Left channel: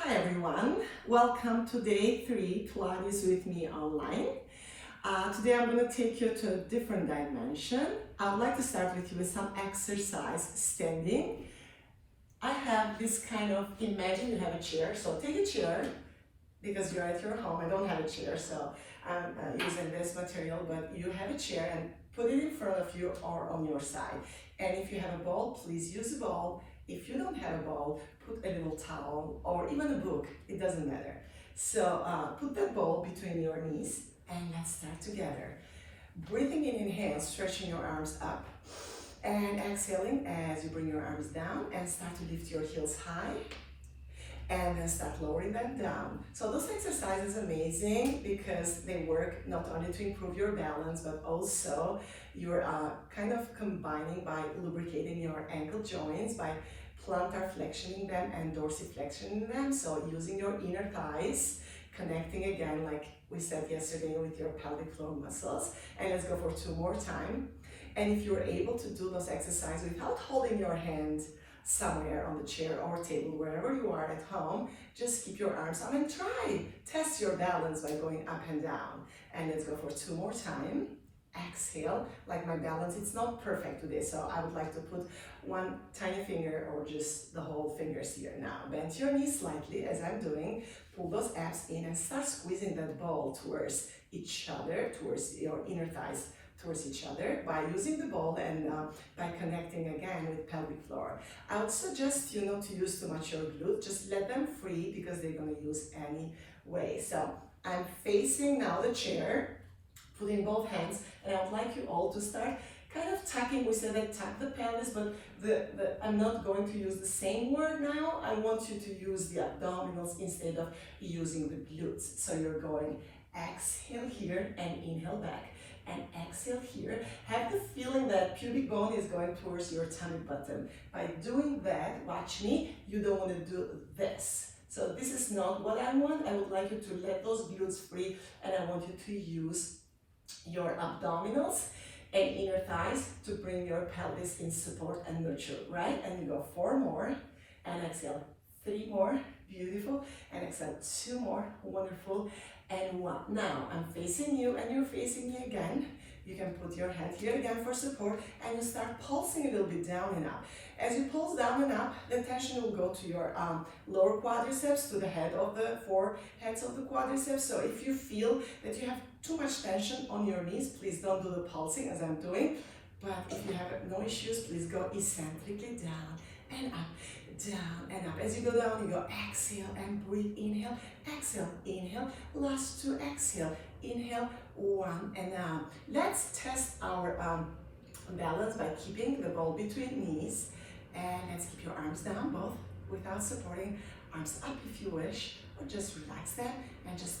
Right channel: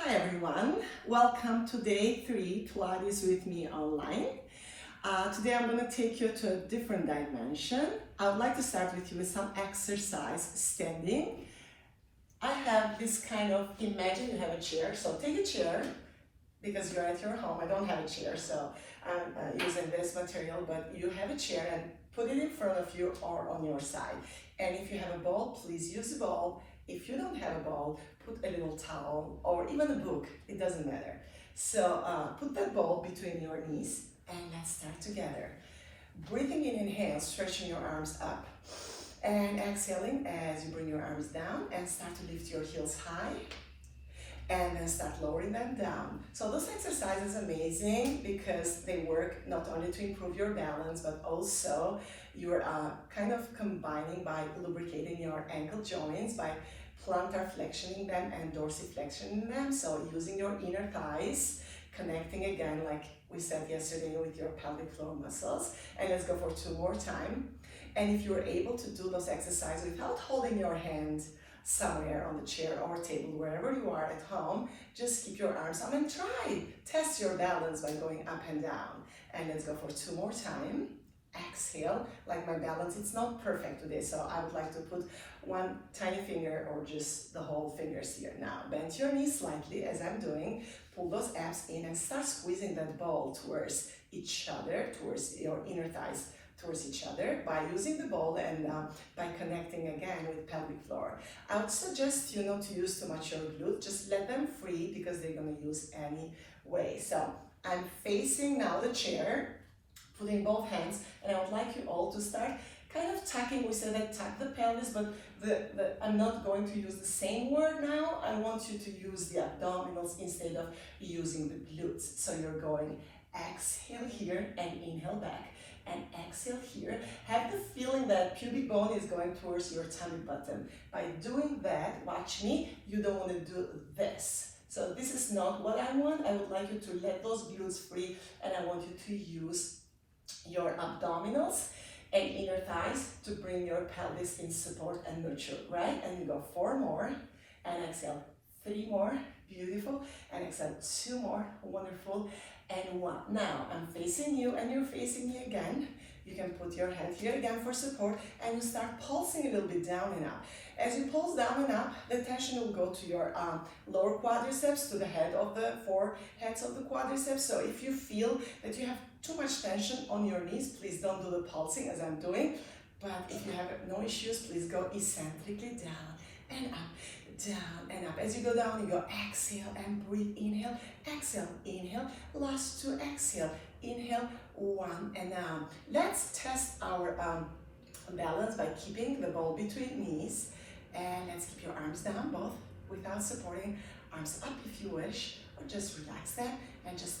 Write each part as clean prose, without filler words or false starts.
Hi everyone, welcome to day 3 Pilates with me online. Today I'm going to take you to a different dimension. I would like to start with you with some exercise standing. I have this kind of, imagine you have a chair, so take a chair because you're at your home. I don't have a chair, so I'm using this material, but you have a chair and put it in front of you or on your side. And if you have a ball, please use the ball. If you don't have a ball, put a little towel or even a book, it doesn't matter. So put that ball between your knees and let's start together. Breathing in, inhale, stretching your arms up. And exhaling as you bring your arms down and start to lift your heels high. And then start lowering them down. So those exercises are amazing because they work not only to improve your balance, but also you're kind of combining by lubricating your ankle joints, by plantar flexioning them and dorsiflexioning them. So using your inner thighs, connecting again, like we said yesterday, with your pelvic floor muscles. And let's go for 2 more times. And if you're able to do those exercises without holding your hand somewhere on the chair or table, wherever you are at home, just keep your arms up and test your balance by going up and down. And let's go for 2 more times. Exhale, like my balance, it's not perfect today, so I would like to put one tiny finger or just the whole fingers here. Now, bend your knees slightly as I'm doing, pull those abs in and start squeezing that ball towards each other, towards your inner thighs, towards each other by using the ball and by connecting again with pelvic floor. I would suggest you not to use too much your glutes, just let them free because they're going to use anyway. So I'm facing now the chair, putting both hands, and I would like you all to start kind of tucking. We said I tuck the pelvis, but I'm not going to use the same word now. I want you to use the abdominals instead of using the glutes. So you're going exhale here and inhale back. And exhale here. Have the feeling that pubic bone is going towards your tummy button. By doing that, watch me, you don't want to do this. So this is not what I want. I would like you to let those glutes free, and I want you to use your abdominals and inner thighs to bring your pelvis in support and nurture, right? And you go 4 more, and exhale 3 more, beautiful, and exhale 2 more, wonderful, and 1. Now I'm facing you and you're facing me again. You can put your hand here again for support and you start pulsing a little bit down and up. As you pulse down and up, the tension will go to your lower quadriceps, to the head of the 4 heads of the quadriceps. So if you feel that you have too much tension on your knees, please don't do the pulsing as I'm doing. But if you have no issues, please go eccentrically down and up. Down and up. As you go down, you go exhale and breathe. Inhale, exhale, inhale. Last 2, exhale, inhale, 1. And now let's test our balance by keeping the ball between knees. And let's keep your arms down, both without supporting. Arms up if you wish, or just relax them and just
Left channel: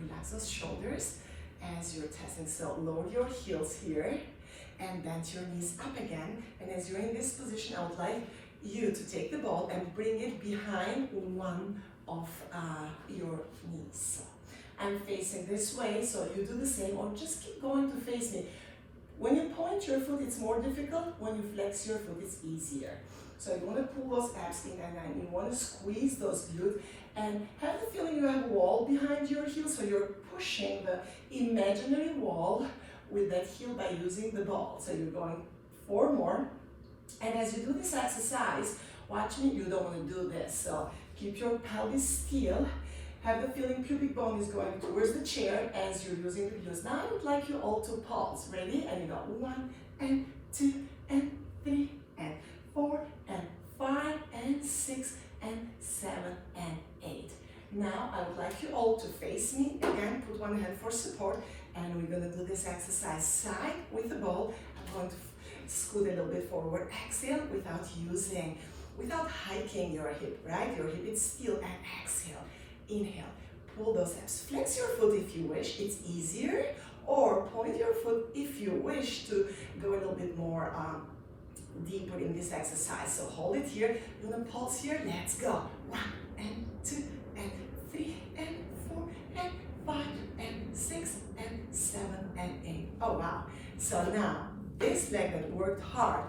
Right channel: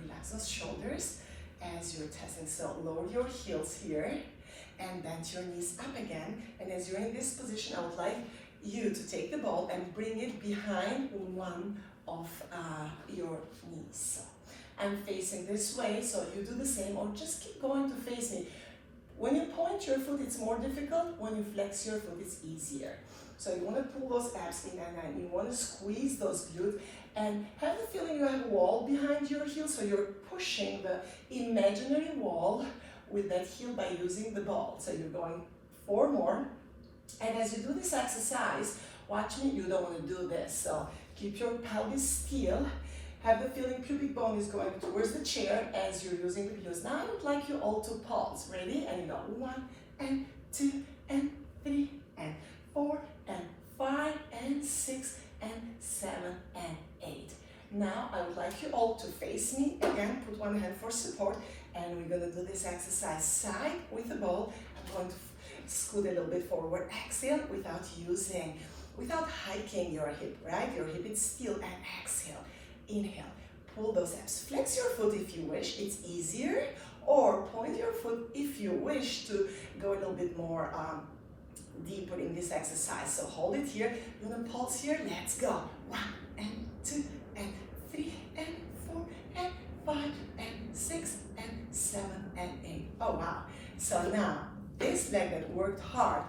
relax those shoulders as you're testing. So lower your heels here and bend your knees up again. And as you're in this position, I would like you to take the ball and bring it behind one of your knees. So I'm facing this way, so you do the same, or just keep going to face me. When you point your foot, it's more difficult. When you flex your foot, it's easier. So you want to pull those abs in and then you want to squeeze those glutes and have the feeling you have a wall behind your heel, so you're pushing the imaginary wall with that heel by using the ball. So you're going 4 more. And as you do this exercise, watch me, you don't want to do this. So keep your pelvis still. Have the feeling pubic bone is going towards the chair as you're using the glutes. Now I would like you all to pulse. Ready? And you go 1 and 2 and 3 and 4 and 5 and 6 and 7 and 8. Now I would like you all to face me. Again, put one hand for support. And we're going to do this exercise side with the ball. I'm going to scoot a little bit forward, exhale without hiking your hip, right? Your hip is still, and exhale, inhale, pull those abs, flex your foot if you wish, it's easier, or point your foot if you wish to go a little bit more deeper in this exercise. So hold it here, you're gonna pulse here, let's go. 1 and 2 and 3 and 4 and 5 and 6 and 7 and 8. Oh wow. So now this leg that worked hard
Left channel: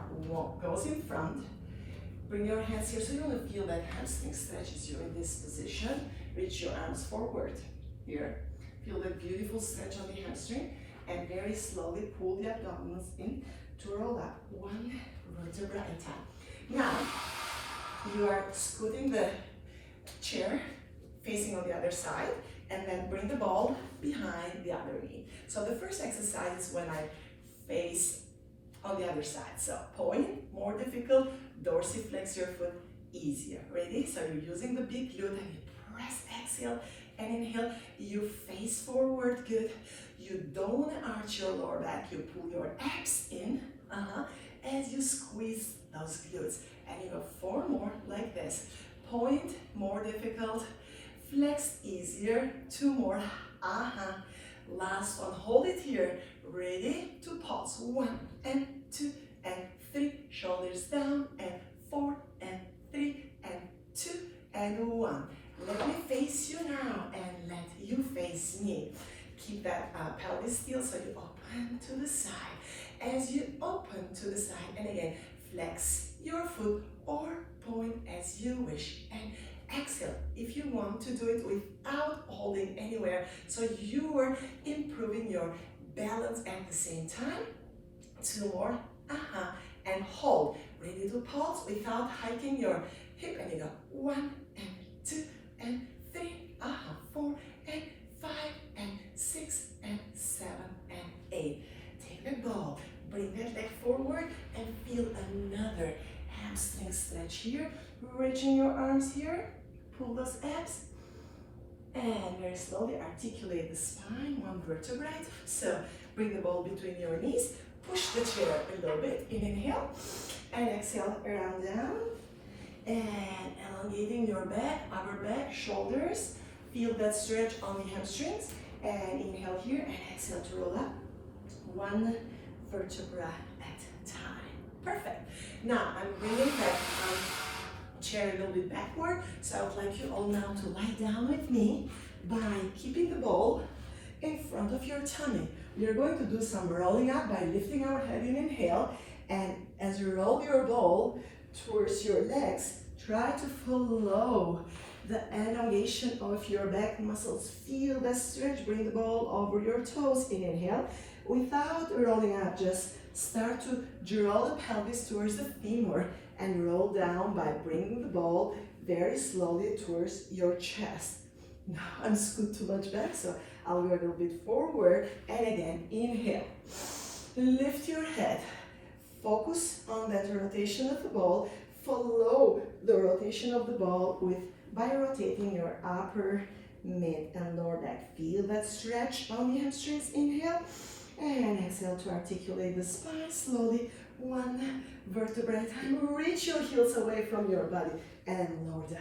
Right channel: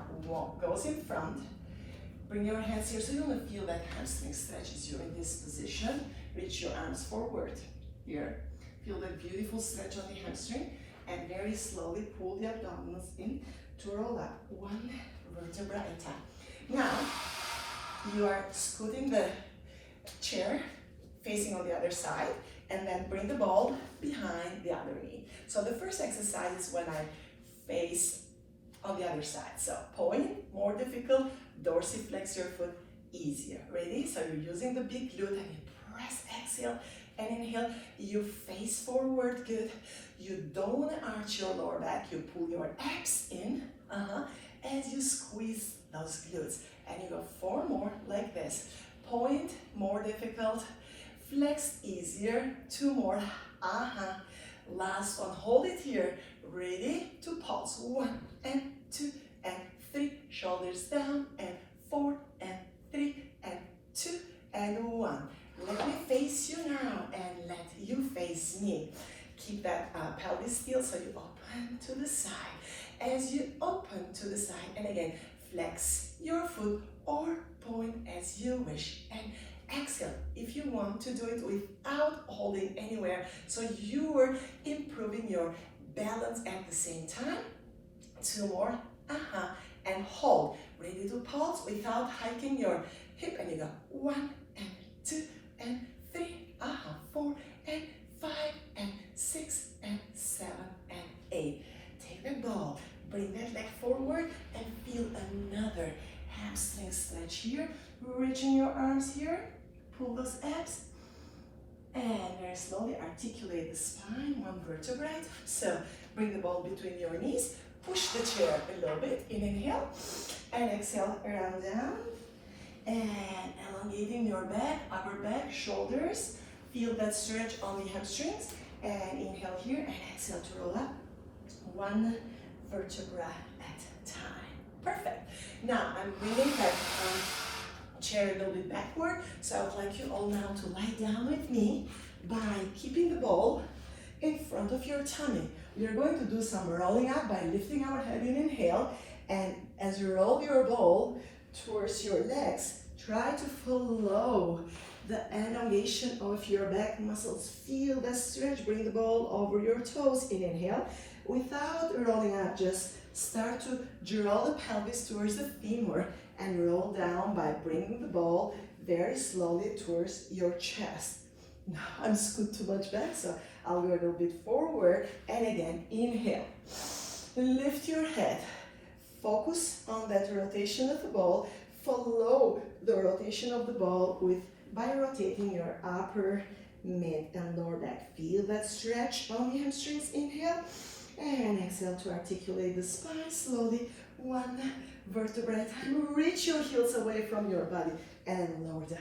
goes in front, Bring your hands here so you want to feel that hamstring stretch as you're in this position. Reach your arms forward. Here. Feel the beautiful stretch on the hamstring. And very slowly pull the abdominals in to roll up. One vertebra at a time. Now, you are scooting the chair facing on the other side. And then bring the ball behind the other knee. So the first exercise is when I face on the other side. So point, more difficult, dorsiflex your foot, easier. Ready? So you're using the big glute and you press, exhale and inhale. You face forward, good. You don't want to arch your lower back. You pull your abs in as you squeeze those glutes. And you go 4 more like this. Point, more difficult. Flex, easier. 2 more. Last one. Hold it here. Ready to pulse. 1 and 2 and 3. Shoulders down and 4 and 3 and 2 and 1. Let me face you now and let you face me. Keep that pelvis still so you open to the side. As you open to the side, and again, flex your foot or point as you wish. And exhale if you want to do it without holding anywhere. So you are improving your balance at the same time. 2 more. And hold. Ready to pulse without hiking your hip. And you go 1 and 2 and 3. 4 and 5 and 6 and 7 and 8. Take the ball. Bring that leg forward and feel another hamstring stretch here. Reaching your arms here. Pull those abs. And very slowly articulate the spine, 1 vertebrae. So bring the ball between your knees. Push the chair a little bit. Inhale. And exhale around down. And elongating your back, upper back, shoulders. Feel that stretch on the hamstrings. And inhale here and exhale to roll up. 1 vertebra at a time. Perfect. Now I'm bringing that chair a little bit backward. So I would like you all now to lie down with me by keeping the ball in front of your tummy. We are going to do some rolling up by lifting our head in inhale. And as you roll your ball towards your legs, try to follow the elongation of your back muscles. Feel the stretch. Bring the ball over your toes in inhale. Without rolling up, just start to draw the pelvis towards the femur and roll down by bringing the ball very slowly towards your chest. Now I'm scoot too much back, so I'll go a little bit forward. And again, inhale. Lift your head. Focus on that rotation of the ball. Follow the rotation of the ball by rotating your upper, mid, and lower back. Feel that stretch on the hamstrings. Inhale. And exhale to articulate the spine slowly. 1 vertebra at a time. Reach your heels away from your body and lower down.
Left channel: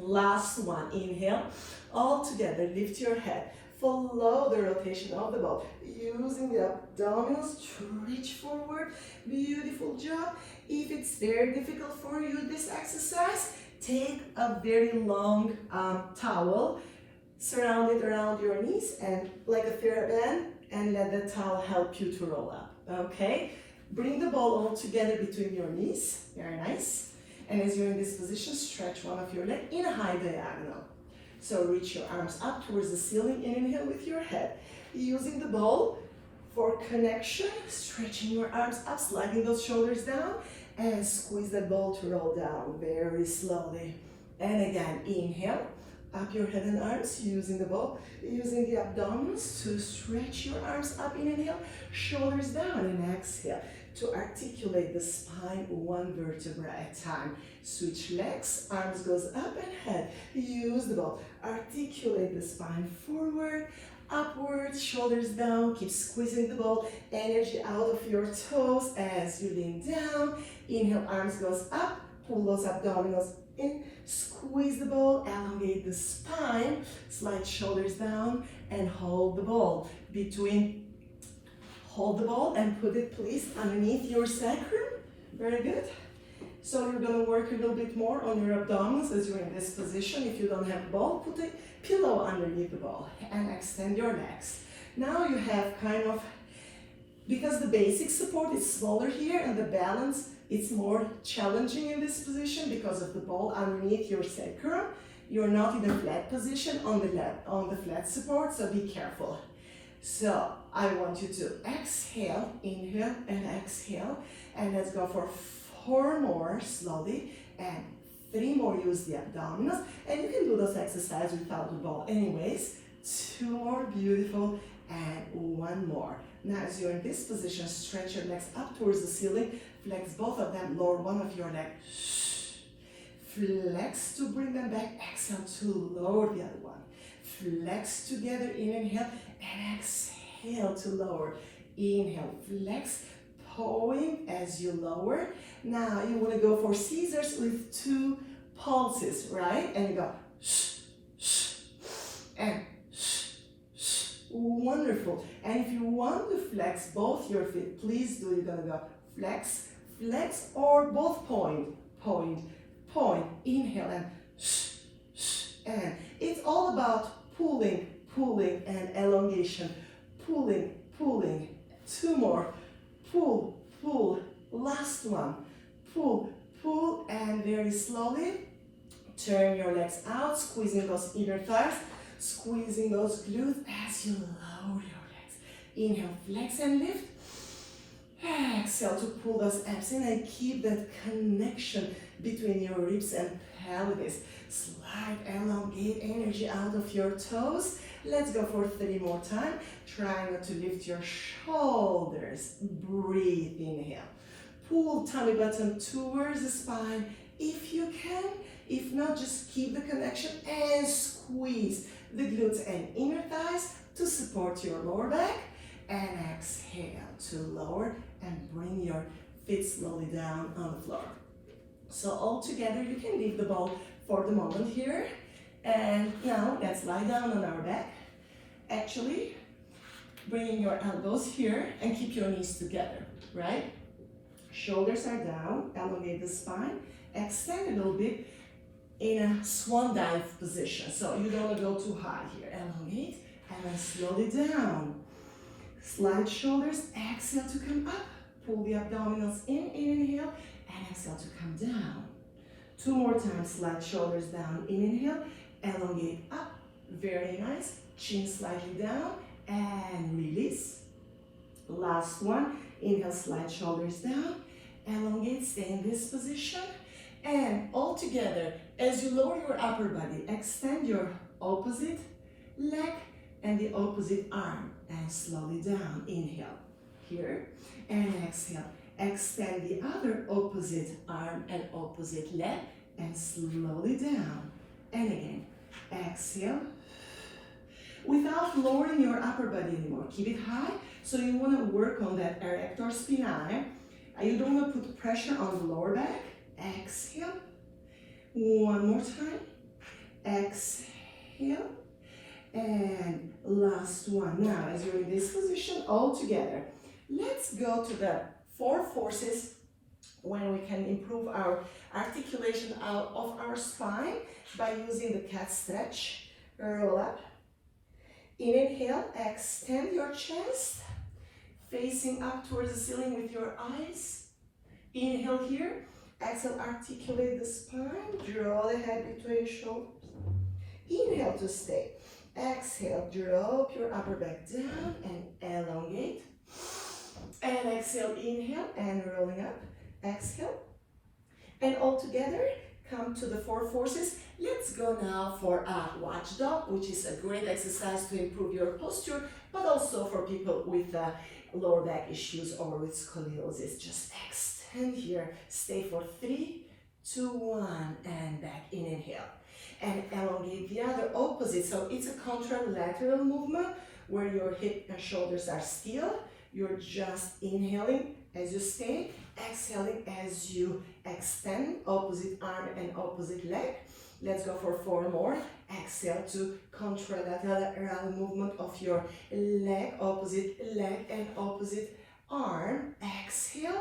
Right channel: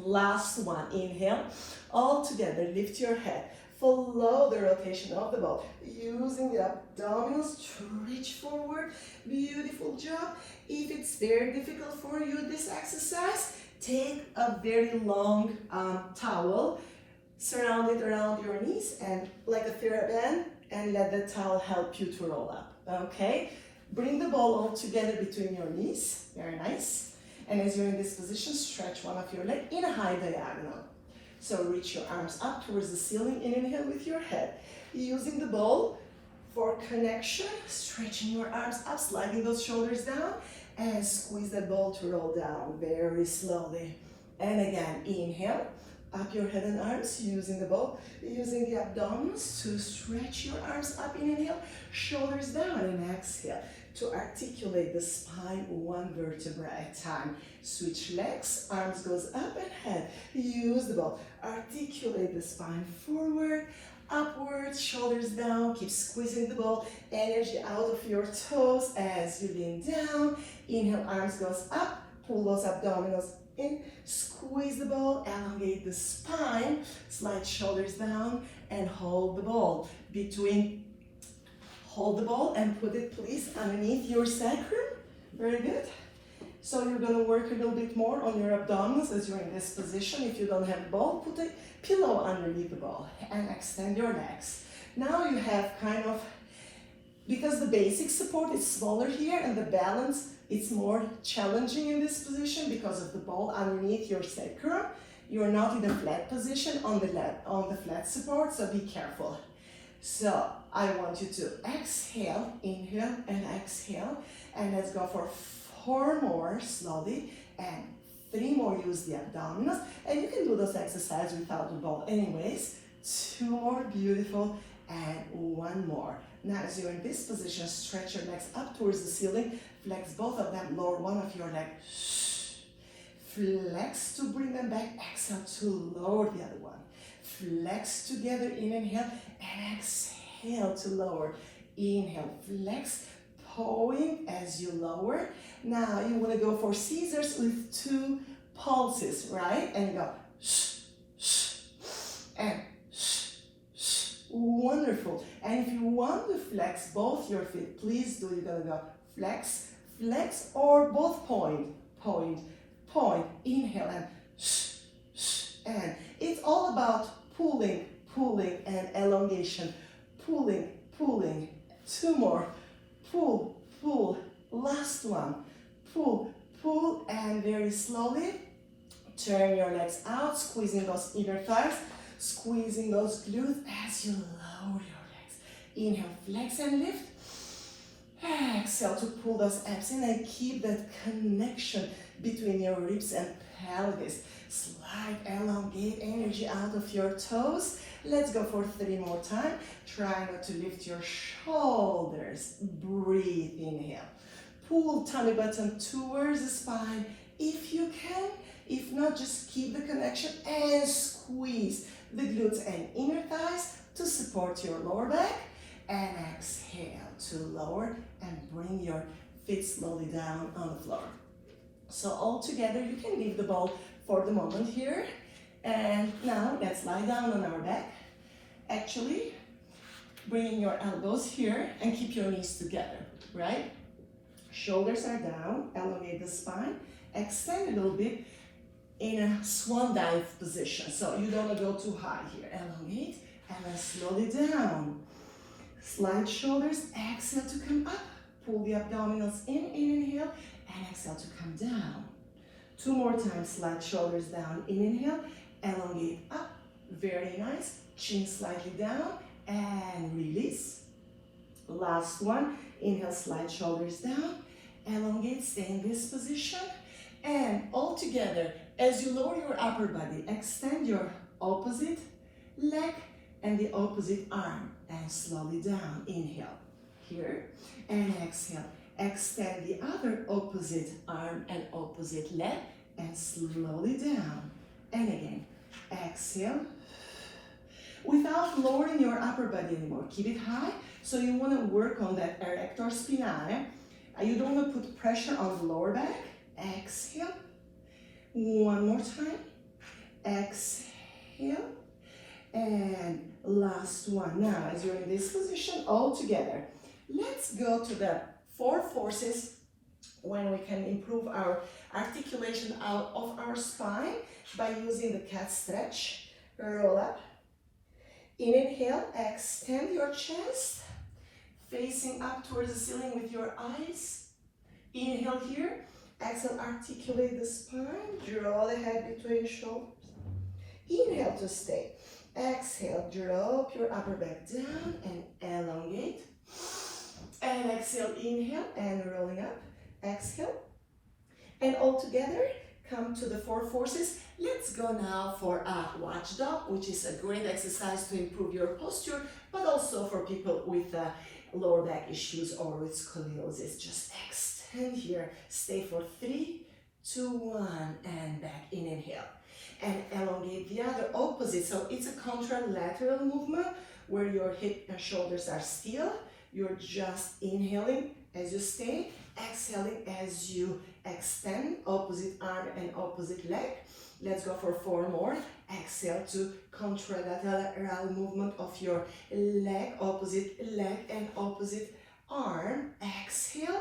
Last one. Inhale. All together, lift your head. Follow the rotation of the ball. Using the abdominals to reach forward. Beautiful job. If it's very difficult for you, this exercise, take a very long towel, surround it around your knees and like a TheraBand, and let the towel help you to roll up, okay? Bring the ball all together between your knees, very nice. And as you're in this position, stretch one of your legs in a high diagonal. So reach your arms up towards the ceiling, inhale with your head. Using the ball for connection, stretching your arms up, sliding those shoulders down, and squeeze the ball to roll down very slowly. And again, inhale. Up your head and arms, using the ball, using the abdominals to stretch your arms up in inhale, shoulders down in exhale to articulate the spine 1 vertebra at a time. Switch legs, arms goes up and head. Use the ball, articulate the spine forward, upwards, shoulders down, keep squeezing the ball, energy out of your toes as you lean down. Inhale, arms goes up, pull those abdominals in, squeeze the ball, elongate the spine, slide shoulders down and hold the ball between. Hold the ball and put it please underneath your sacrum. Very good. So you're going to work a little bit more on your abdominals as you're in this position. If you don't have a ball, put a pillow underneath the ball and extend your legs. Now you have kind of, because the basic support is smaller here and the balance It's more challenging in this position because of the ball underneath your sacrum. You're not in a flat position on the flat support, so be careful. So I want you to exhale, inhale and exhale, and let's go for 4 more slowly, and 3 more, use the abdominals, and you can do those exercises without the ball anyways. 2 more, beautiful, and 1 more. Now as you're in this position, stretch your legs up towards the ceiling, flex both of them, lower one of your legs, flex to bring them back, exhale to lower the other one, flex together, inhale, and exhale to lower, inhale, flex, pulling as you lower. Now you want to go for scissors with 2 pulses, right? And you go and wonderful. And if you want to flex both your feet, please do. You're gonna go flex, flex, or both point, point, point. Inhale and it's all about pulling, pulling, and elongation. Pulling, pulling. 2 more. Pull, pull. Last one. Pull, pull, and very slowly turn your legs out, squeezing those inner thighs, squeezing those glutes as you lower your legs. Inhale, flex and lift. Exhale to pull those abs in and keep that connection between your ribs and pelvis. Slide, elongate energy out of your toes. Let's go for 3 more times. Try not to lift your shoulders. Breathe, inhale. Pull tummy button towards the spine if you can. If not, just keep the connection and squeeze the glutes and inner thighs to support your lower back. And exhale to lower and bring your feet slowly down on the floor. So all together, you can leave the ball for the moment here. And now let's lie down on our back. Actually, bringing your elbows here and keep your knees together, right? Shoulders are down, elongate the spine, extend a little bit in a swan dive position. So you don't want to go too high here. Elongate and then slowly down. Slide shoulders, exhale to come up. Pull the abdominals in, inhale, and exhale to come down. 2 more times, slide shoulders down, inhale, elongate up. Very nice. Chin slightly down and release. Last one, inhale, slide shoulders down, elongate, stay in this position. And all together, as you lower your upper body, extend your opposite leg and the opposite arm and slowly down. Inhale here and exhale. Extend the other opposite arm and opposite leg and slowly down. And again, exhale. Without lowering your upper body anymore, keep it high. So you want to work on that erector spinae. You don't want to put pressure on the lower back. Exhale. 1 more time. Exhale. And last one. Now, as you're in this position, all together, let's go to the 4 forces when we can improve our articulation out of our spine by using the cat stretch. Roll up. Inhale, extend your chest, facing up towards the ceiling with your eyes. Inhale here. Exhale, articulate the spine. Draw the head between your shoulders. Inhale to stay. Exhale, drop your upper back down and elongate. And exhale, inhale and rolling up. Exhale. And all together, come to the 4 forces. Let's go now for a Watchdog, which is a great exercise to improve your posture, but also for people with lower back issues or with scoliosis. Just extend here. Stay for 3, 2, 1, and back in. Inhale. And elongate the other opposite. So it's a contralateral movement where your hip and shoulders are still. You're just inhaling as you stay, exhaling as you extend opposite arm and opposite leg. Let's go for 4 more. Exhale to contralateral movement of your leg and opposite arm. Exhale.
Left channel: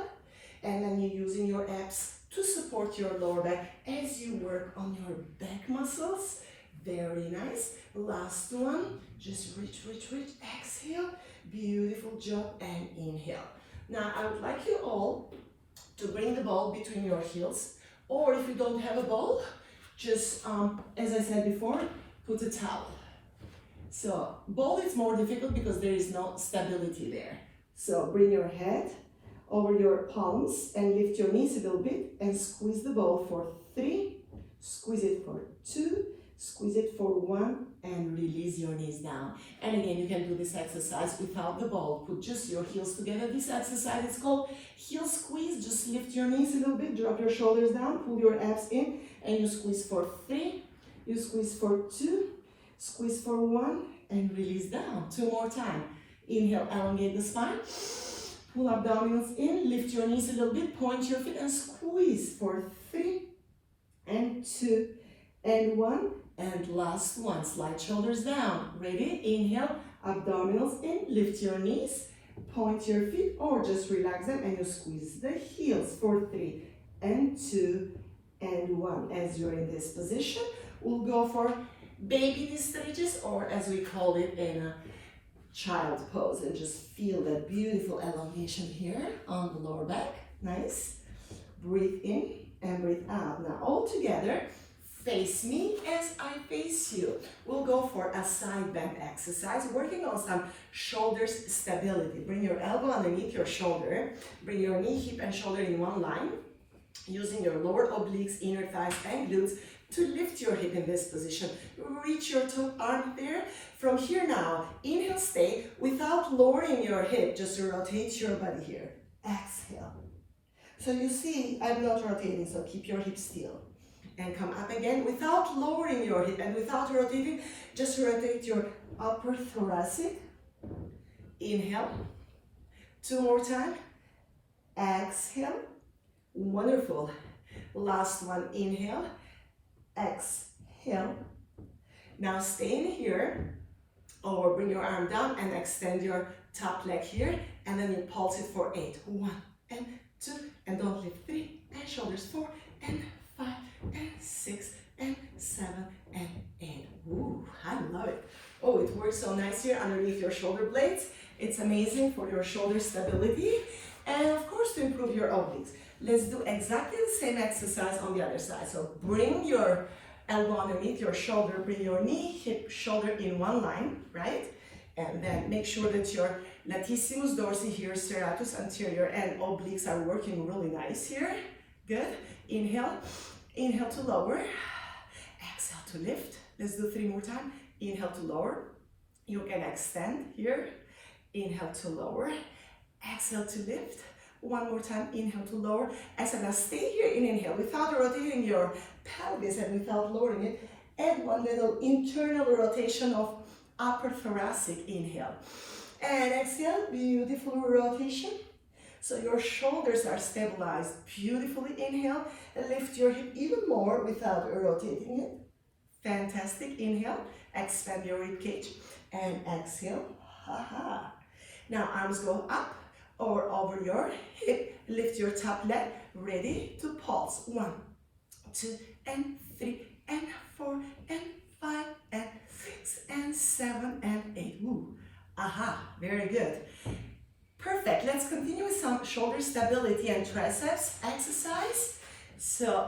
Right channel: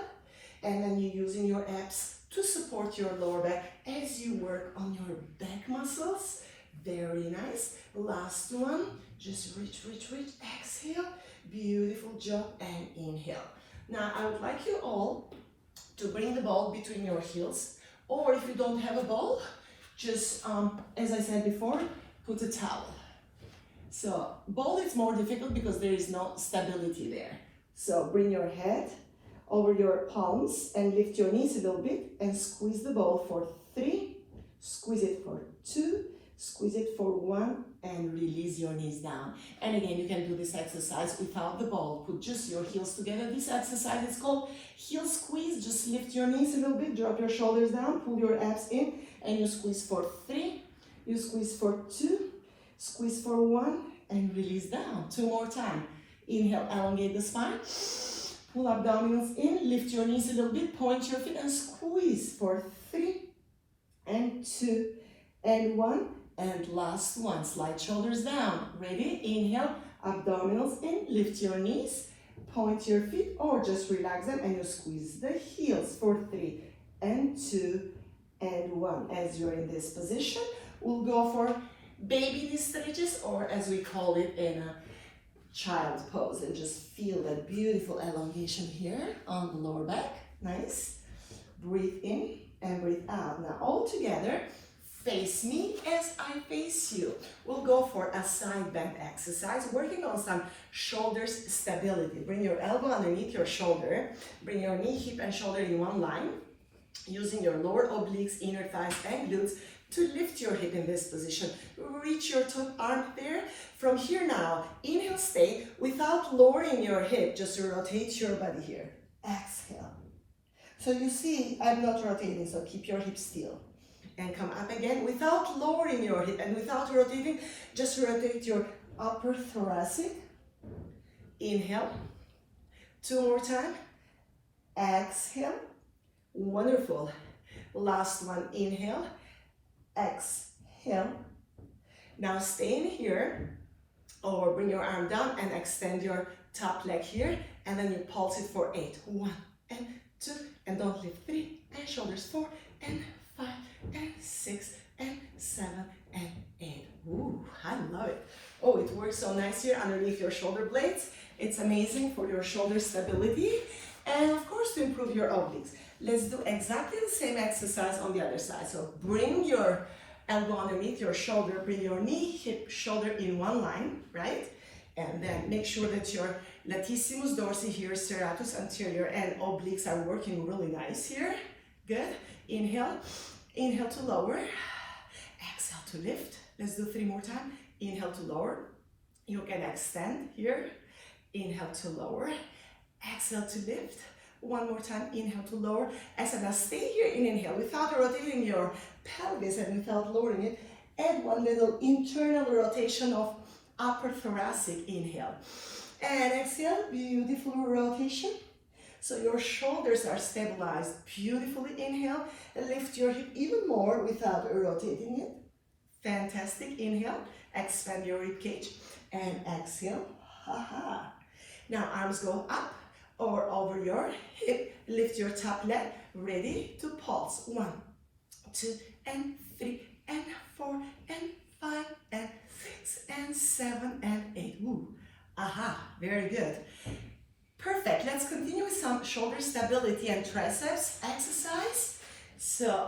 And then you're using your abs to support your lower back as you work on your back muscles. Very nice. Last one. Just reach. Exhale. Beautiful job. And inhale. Now I would like you all to bring the ball between your heels, or if you don't have a ball, just, as I said before, put a towel. So ball is more difficult because there is no stability there. So bring your head over your palms and lift your knees a little bit and squeeze the ball for 3, squeeze it for 2, squeeze it for 1, and release your knees down. And again, you can do this exercise without the ball. Put just your heels together. This exercise is called heel squeeze. Just lift your knees a little bit, drop your shoulders down, pull your abs in, and you squeeze for 3, you squeeze for 2, squeeze for 1, and release down. 2 more times. Inhale, elongate the spine. Pull abdominals in, lift your knees a little bit, point your feet, and squeeze for 3, and 2, and 1. And last one, slide shoulders down. Ready? Inhale, abdominals in, lift your knees, point your feet, or just relax them, and you squeeze the heels for 3, and 2, and 1. As you're in this position, we'll go for baby knee stretches, or as we call it in a child pose, and just feel that beautiful elongation here on the lower back. Nice. Breathe in and breathe out. Now all together, face me as I face you. We'll go for a side bend exercise, working on some shoulders stability. Bring your elbow underneath your shoulder. Bring your knee, hip, and shoulder in one line, using your lower obliques, inner thighs, and glutes to lift your hip in this position. Reach your top arm there. From here now, inhale, stay without lowering your hip, just rotate your body here. Exhale. So you see, I'm not rotating, so keep your hip still. And come up again without lowering your hip and without rotating, just rotate your upper thoracic. Inhale. 2 more times. Exhale. Wonderful. Last one, inhale. Exhale. Now stay in here, or bring your arm down and extend your top leg here, and then you pulse it for 8. 1 and 2, and don't lift 3, and shoulders 4 and 5 and 6 and 7 and 8. Ooh, I love it. Oh, it works so nice here underneath your shoulder blades. It's amazing for your shoulder stability and of course to improve your obliques. Let's do exactly the same exercise on the other side. So bring your elbow underneath your shoulder, bring your knee, hip, shoulder in one line, right? And then make sure that your latissimus dorsi here, serratus anterior, and obliques are working really nice here. Good. Inhale. Inhale to lower, exhale to lift. Let's do 3 more times. Inhale to lower. You can extend here. Inhale to lower, exhale to lift. 1 more time. Inhale to lower. Exhale. Now stay here in inhale without rotating your pelvis and without lowering it. Add 1 little internal rotation of upper thoracic. Inhale. And exhale. Beautiful rotation. So your shoulders are stabilized beautifully. Inhale, lift your hip even more without rotating it. Fantastic. Inhale, expand your rib cage, and exhale. Ha-ha. Now arms go up or over your hip. Lift your top leg. Ready to pulse. 1, 2, and 3, and 4, and 5, and 6, and 7, and 8. Ooh. Aha. Very good. Perfect. Let's continue with some shoulder stability and triceps exercise. So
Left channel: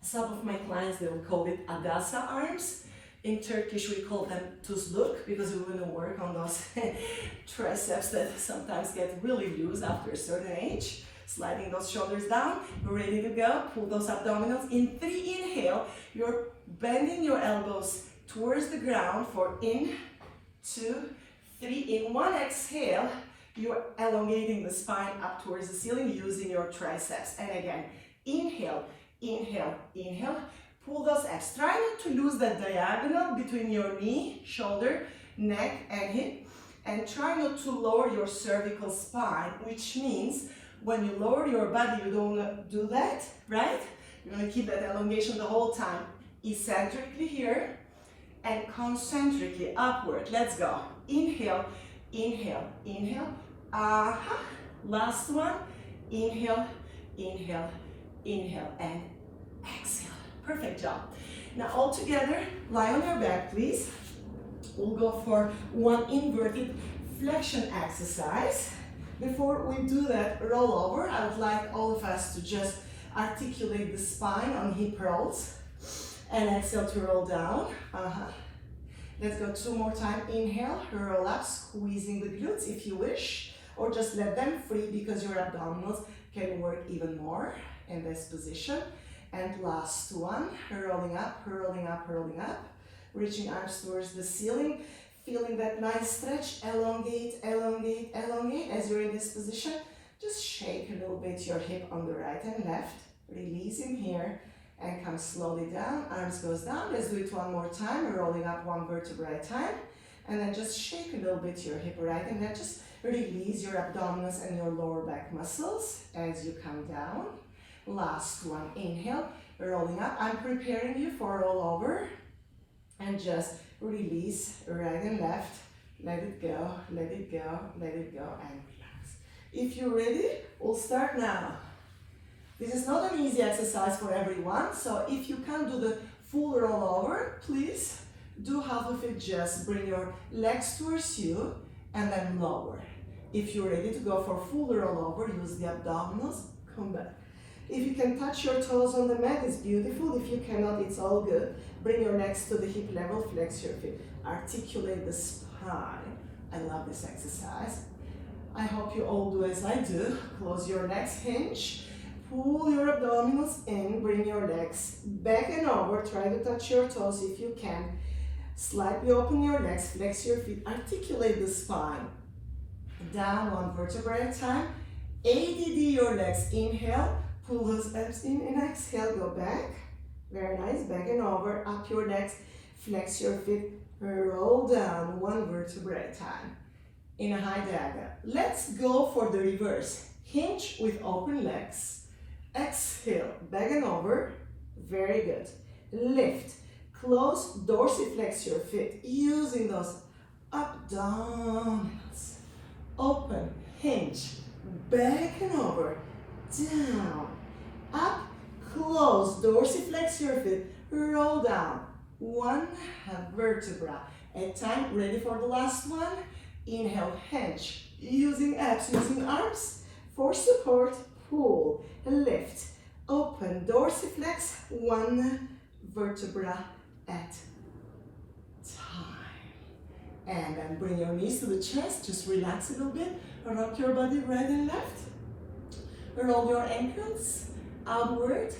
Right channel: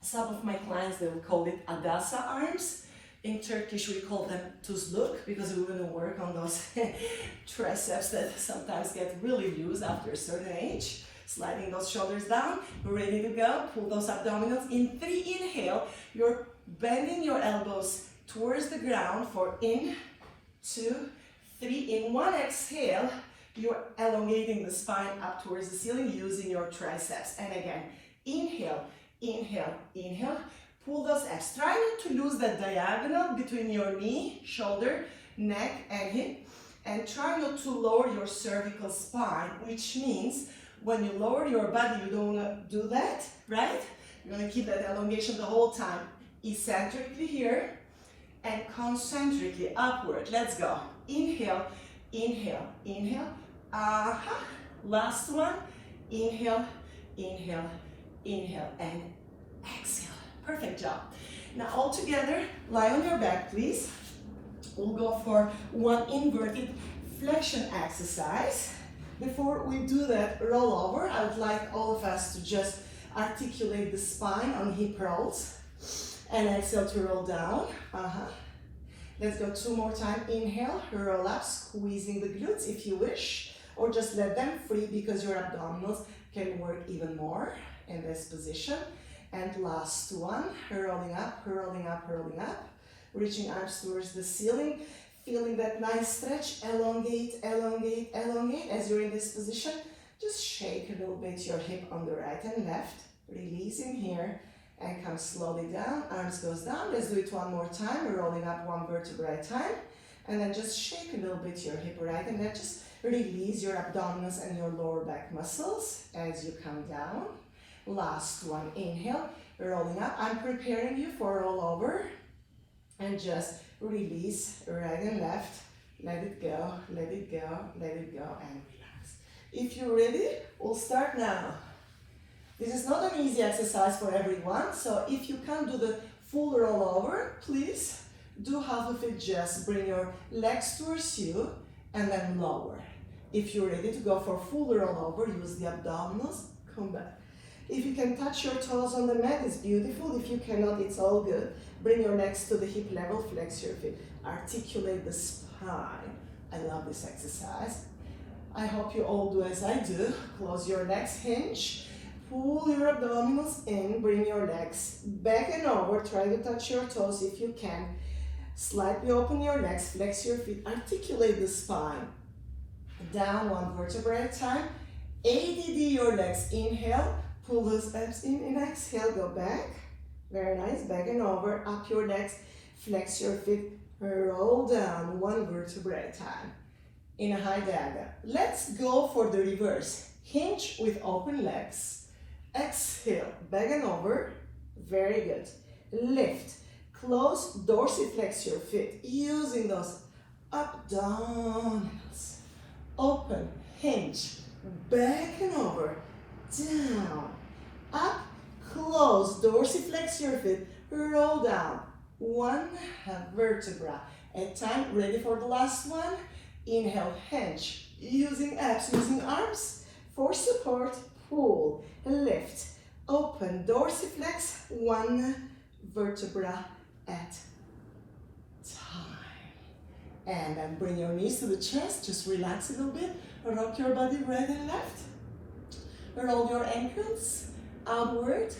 some of my clients, they will call it adasa arms. In Turkish, we call them tuzluk because we want to work on those triceps that sometimes get really loose after a certain age. Sliding those shoulders down, ready to go. Pull those abdominals. In 3, inhale, you're bending your elbows towards the ground for in, 2, 3. In 1 exhale, you're elongating the spine up towards the ceiling using your triceps. And again, inhale, inhale, inhale. Pull those abs. Try not to lose that diagonal between your knee, shoulder, neck, and hip. And try not to lower your cervical spine, which means when you lower your body, you don't want to do that, right? You want to keep that elongation the whole time. Eccentrically here and concentrically upward. Let's go. Inhale, inhale, inhale. Aha. Last one. Inhale, inhale, inhale, and exhale. Perfect job. Now all together, lie on your back, please. We'll go for 1 inverted flexion exercise. Before we do that roll over, I would like all of us to just articulate the spine on hip rolls and exhale to roll down. Let's go 2 more times. Inhale, roll up, squeezing the glutes if you wish, or just let them free because your abdominals can work even more in this position. And last one, rolling up, rolling up, rolling up, reaching arms towards the ceiling, feeling that nice stretch, elongate, elongate, elongate. As you're in this position, just shake a little bit your hip on the right and left, releasing here, and come slowly down, arms goes down. Let's do it one more time, rolling up 1 vertebra at a time, and then just shake a little bit your hip right and left. Just release your abdominals and your lower back muscles as you come down. Last one, inhale, rolling up. I'm preparing you for a rollover, and just release right and left. Let it go, let it go, let it go, and relax. If you're ready, we'll start now. This is not an easy exercise for everyone, so if you can't do the full rollover, please do half of it. Just bring your legs towards you and then lower. If you're ready to go for full rollover, use the abdominals, come back. If you can touch your toes on the mat, it's beautiful. If you cannot, it's all good. Bring your legs to the hip level, flex your feet, articulate the spine. I love this exercise. I hope you all do as I do. Close your legs, hinge. Pull your abdominals in, bring your legs back and over, try to touch your toes if you can. Slightly open your legs, flex your feet, articulate the spine. Down 1 vertebra at a time. ADD your legs, inhale, pull those abs in and exhale, go back. Very nice, back and over, up your legs, flex your feet, roll down 1 vertebra at a time. In a high diagonal. Let's go for the reverse. Hinge with open legs. Exhale, back and over, very good. Lift, close, dorsiflex your feet, using those abdominals. Open, hinge, back and over, down, up, close, dorsiflex your feet, roll down, 1 vertebra at a time. Ready for the last one? Inhale, hinge, using abs, using arms for support. Pull, lift, open, dorsiflex, 1 vertebra at a time. And then bring your knees to the chest, just relax a little bit, rock your body right and left. Roll your ankles outward,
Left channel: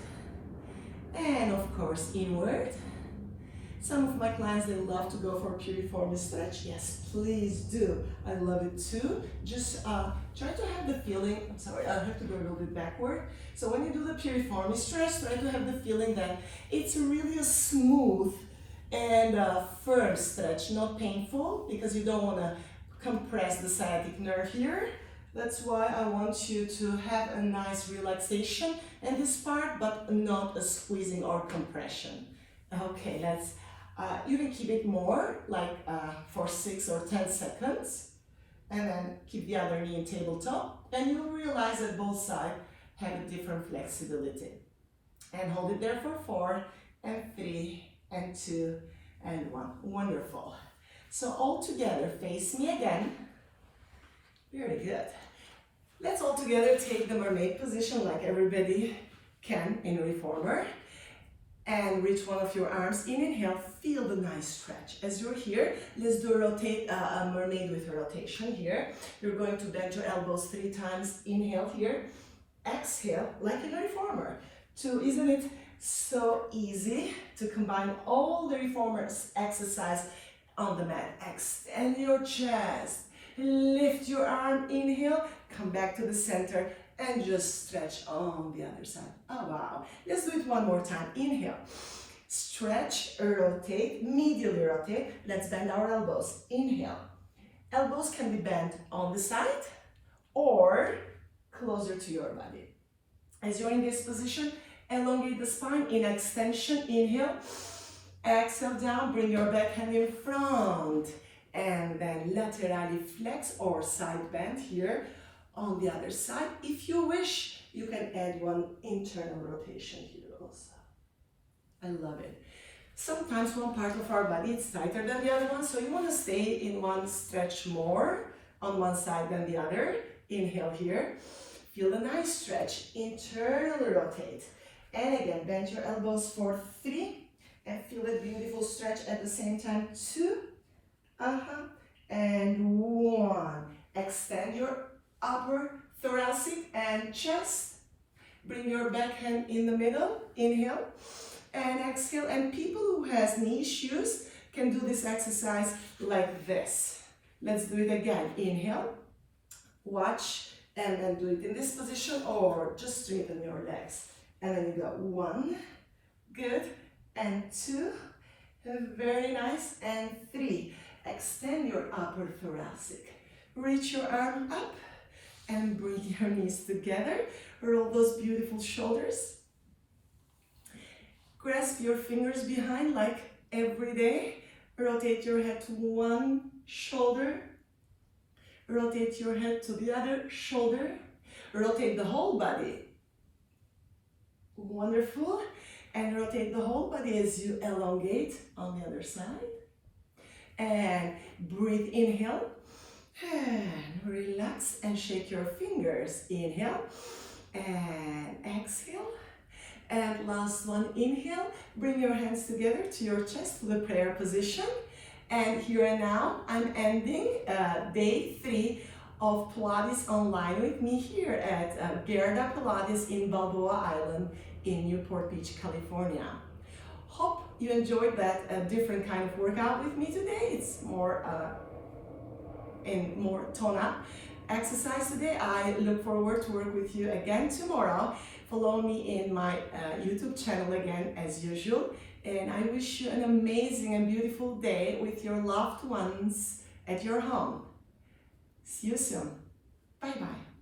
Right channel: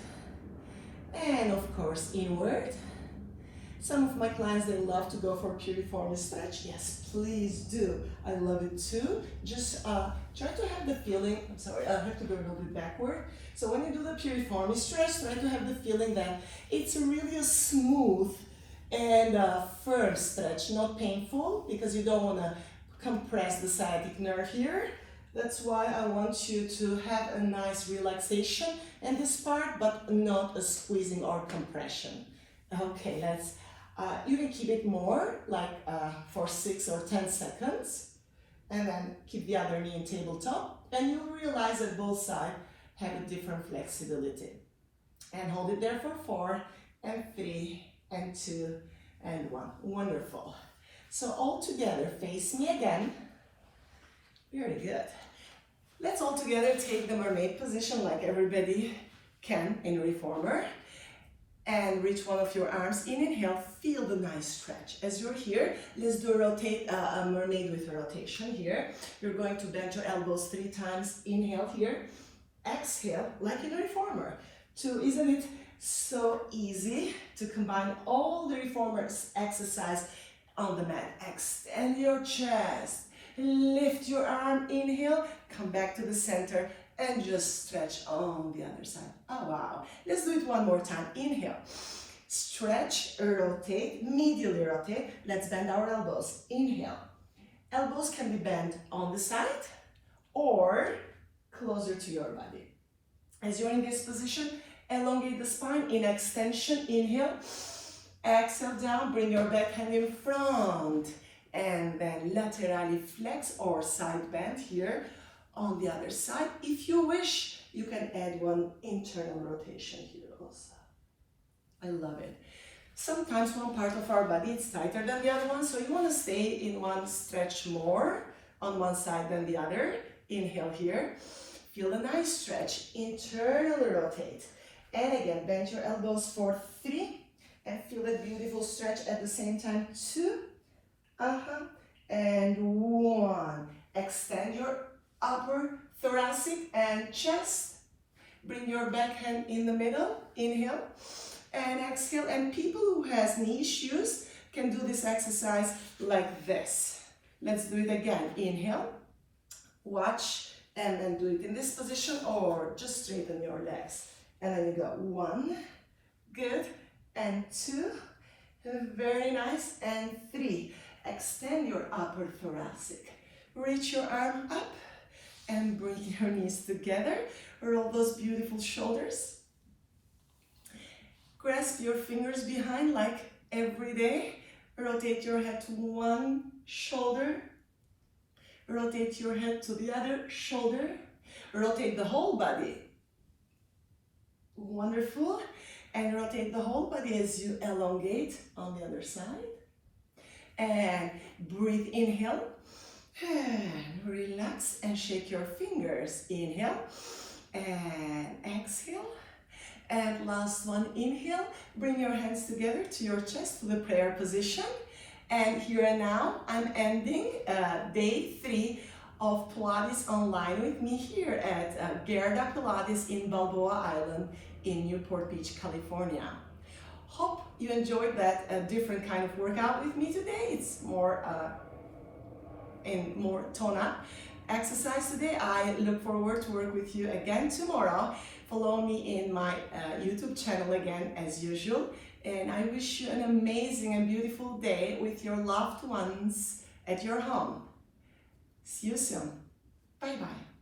and of course inward. Some of my clients, they love to go for piriformis stretch. Yes, please do. I love it too. Just try to have the feeling, I'm sorry, I have to go a little bit backward. So when you do the piriformis stretch, try to have the feeling that it's really a smooth and firm stretch, not painful, because you don't want to compress the sciatic nerve here. That's why I want you to have a nice relaxation in this part, but not a squeezing or compression. Okay, let's, you can keep it more, like for 6 or 10 seconds, and then keep the other knee in tabletop, and you'll realize that both sides have a different flexibility. And hold it there for 4, and 3, and 2, and 1. Wonderful. So all together, face me again. Very good. Let's all together take the mermaid position like everybody can in reformer. And reach one of your arms in. Inhale, feel the nice stretch. As you're here, let's do a mermaid with a rotation here. You're going to bend your elbows 3 times. Inhale here. Exhale, like in a reformer. 2, isn't it so easy to combine all the reformer exercise on the mat? Extend your chest. Lift your arm. Inhale, come back to the center. And just stretch on the other side. Oh, wow. Let's do it one more time. Inhale. Stretch, rotate, medially rotate. Let's bend our elbows. Inhale. Elbows can be bent on the side or closer to your body. As you're in this position, elongate the spine in extension. Inhale. Exhale down. Bring your back hand in front. And then laterally flex or side bend here. On the other side, if you wish, you can add one internal rotation here also. I love it. Sometimes one part of our body is tighter than the other one, so you want to stay in one stretch more on one side than the other. Inhale here. Feel a nice stretch. Internally rotate. And again, bend your elbows for 3. And feel a beautiful stretch at the same time. 2. And 1. Extend your upper thoracic and chest. Bring your back hand in the middle. Inhale. And exhale. And people who has knee issues can do this exercise like this. Let's do it again. Inhale. Watch. And then do it in this position or just straighten your legs. And then you go 1. Good. And 2. Very nice. And 3. Extend your upper thoracic. Reach your arm up and bring your knees together. Roll those beautiful shoulders. Grasp your fingers behind like every day. Rotate your head to one shoulder. Rotate your head to the other shoulder. Rotate the whole body. Wonderful. And rotate the whole body as you elongate on the other side. And breathe, inhale. And relax and shake your fingers. Inhale. And exhale. And last one, inhale. Bring your hands together to your chest to the prayer position. And here and now, I'm ending day 3 of Pilates online with me here at Gerda Pilates in Balboa Island in Newport Beach, California. Hope you enjoyed that different kind of workout with me today. It's more tone-up exercise today. I look forward to work with you again tomorrow. Follow me in my YouTube channel again as usual. And I wish you an amazing and beautiful day with your loved ones at your home. See you soon. Bye-bye.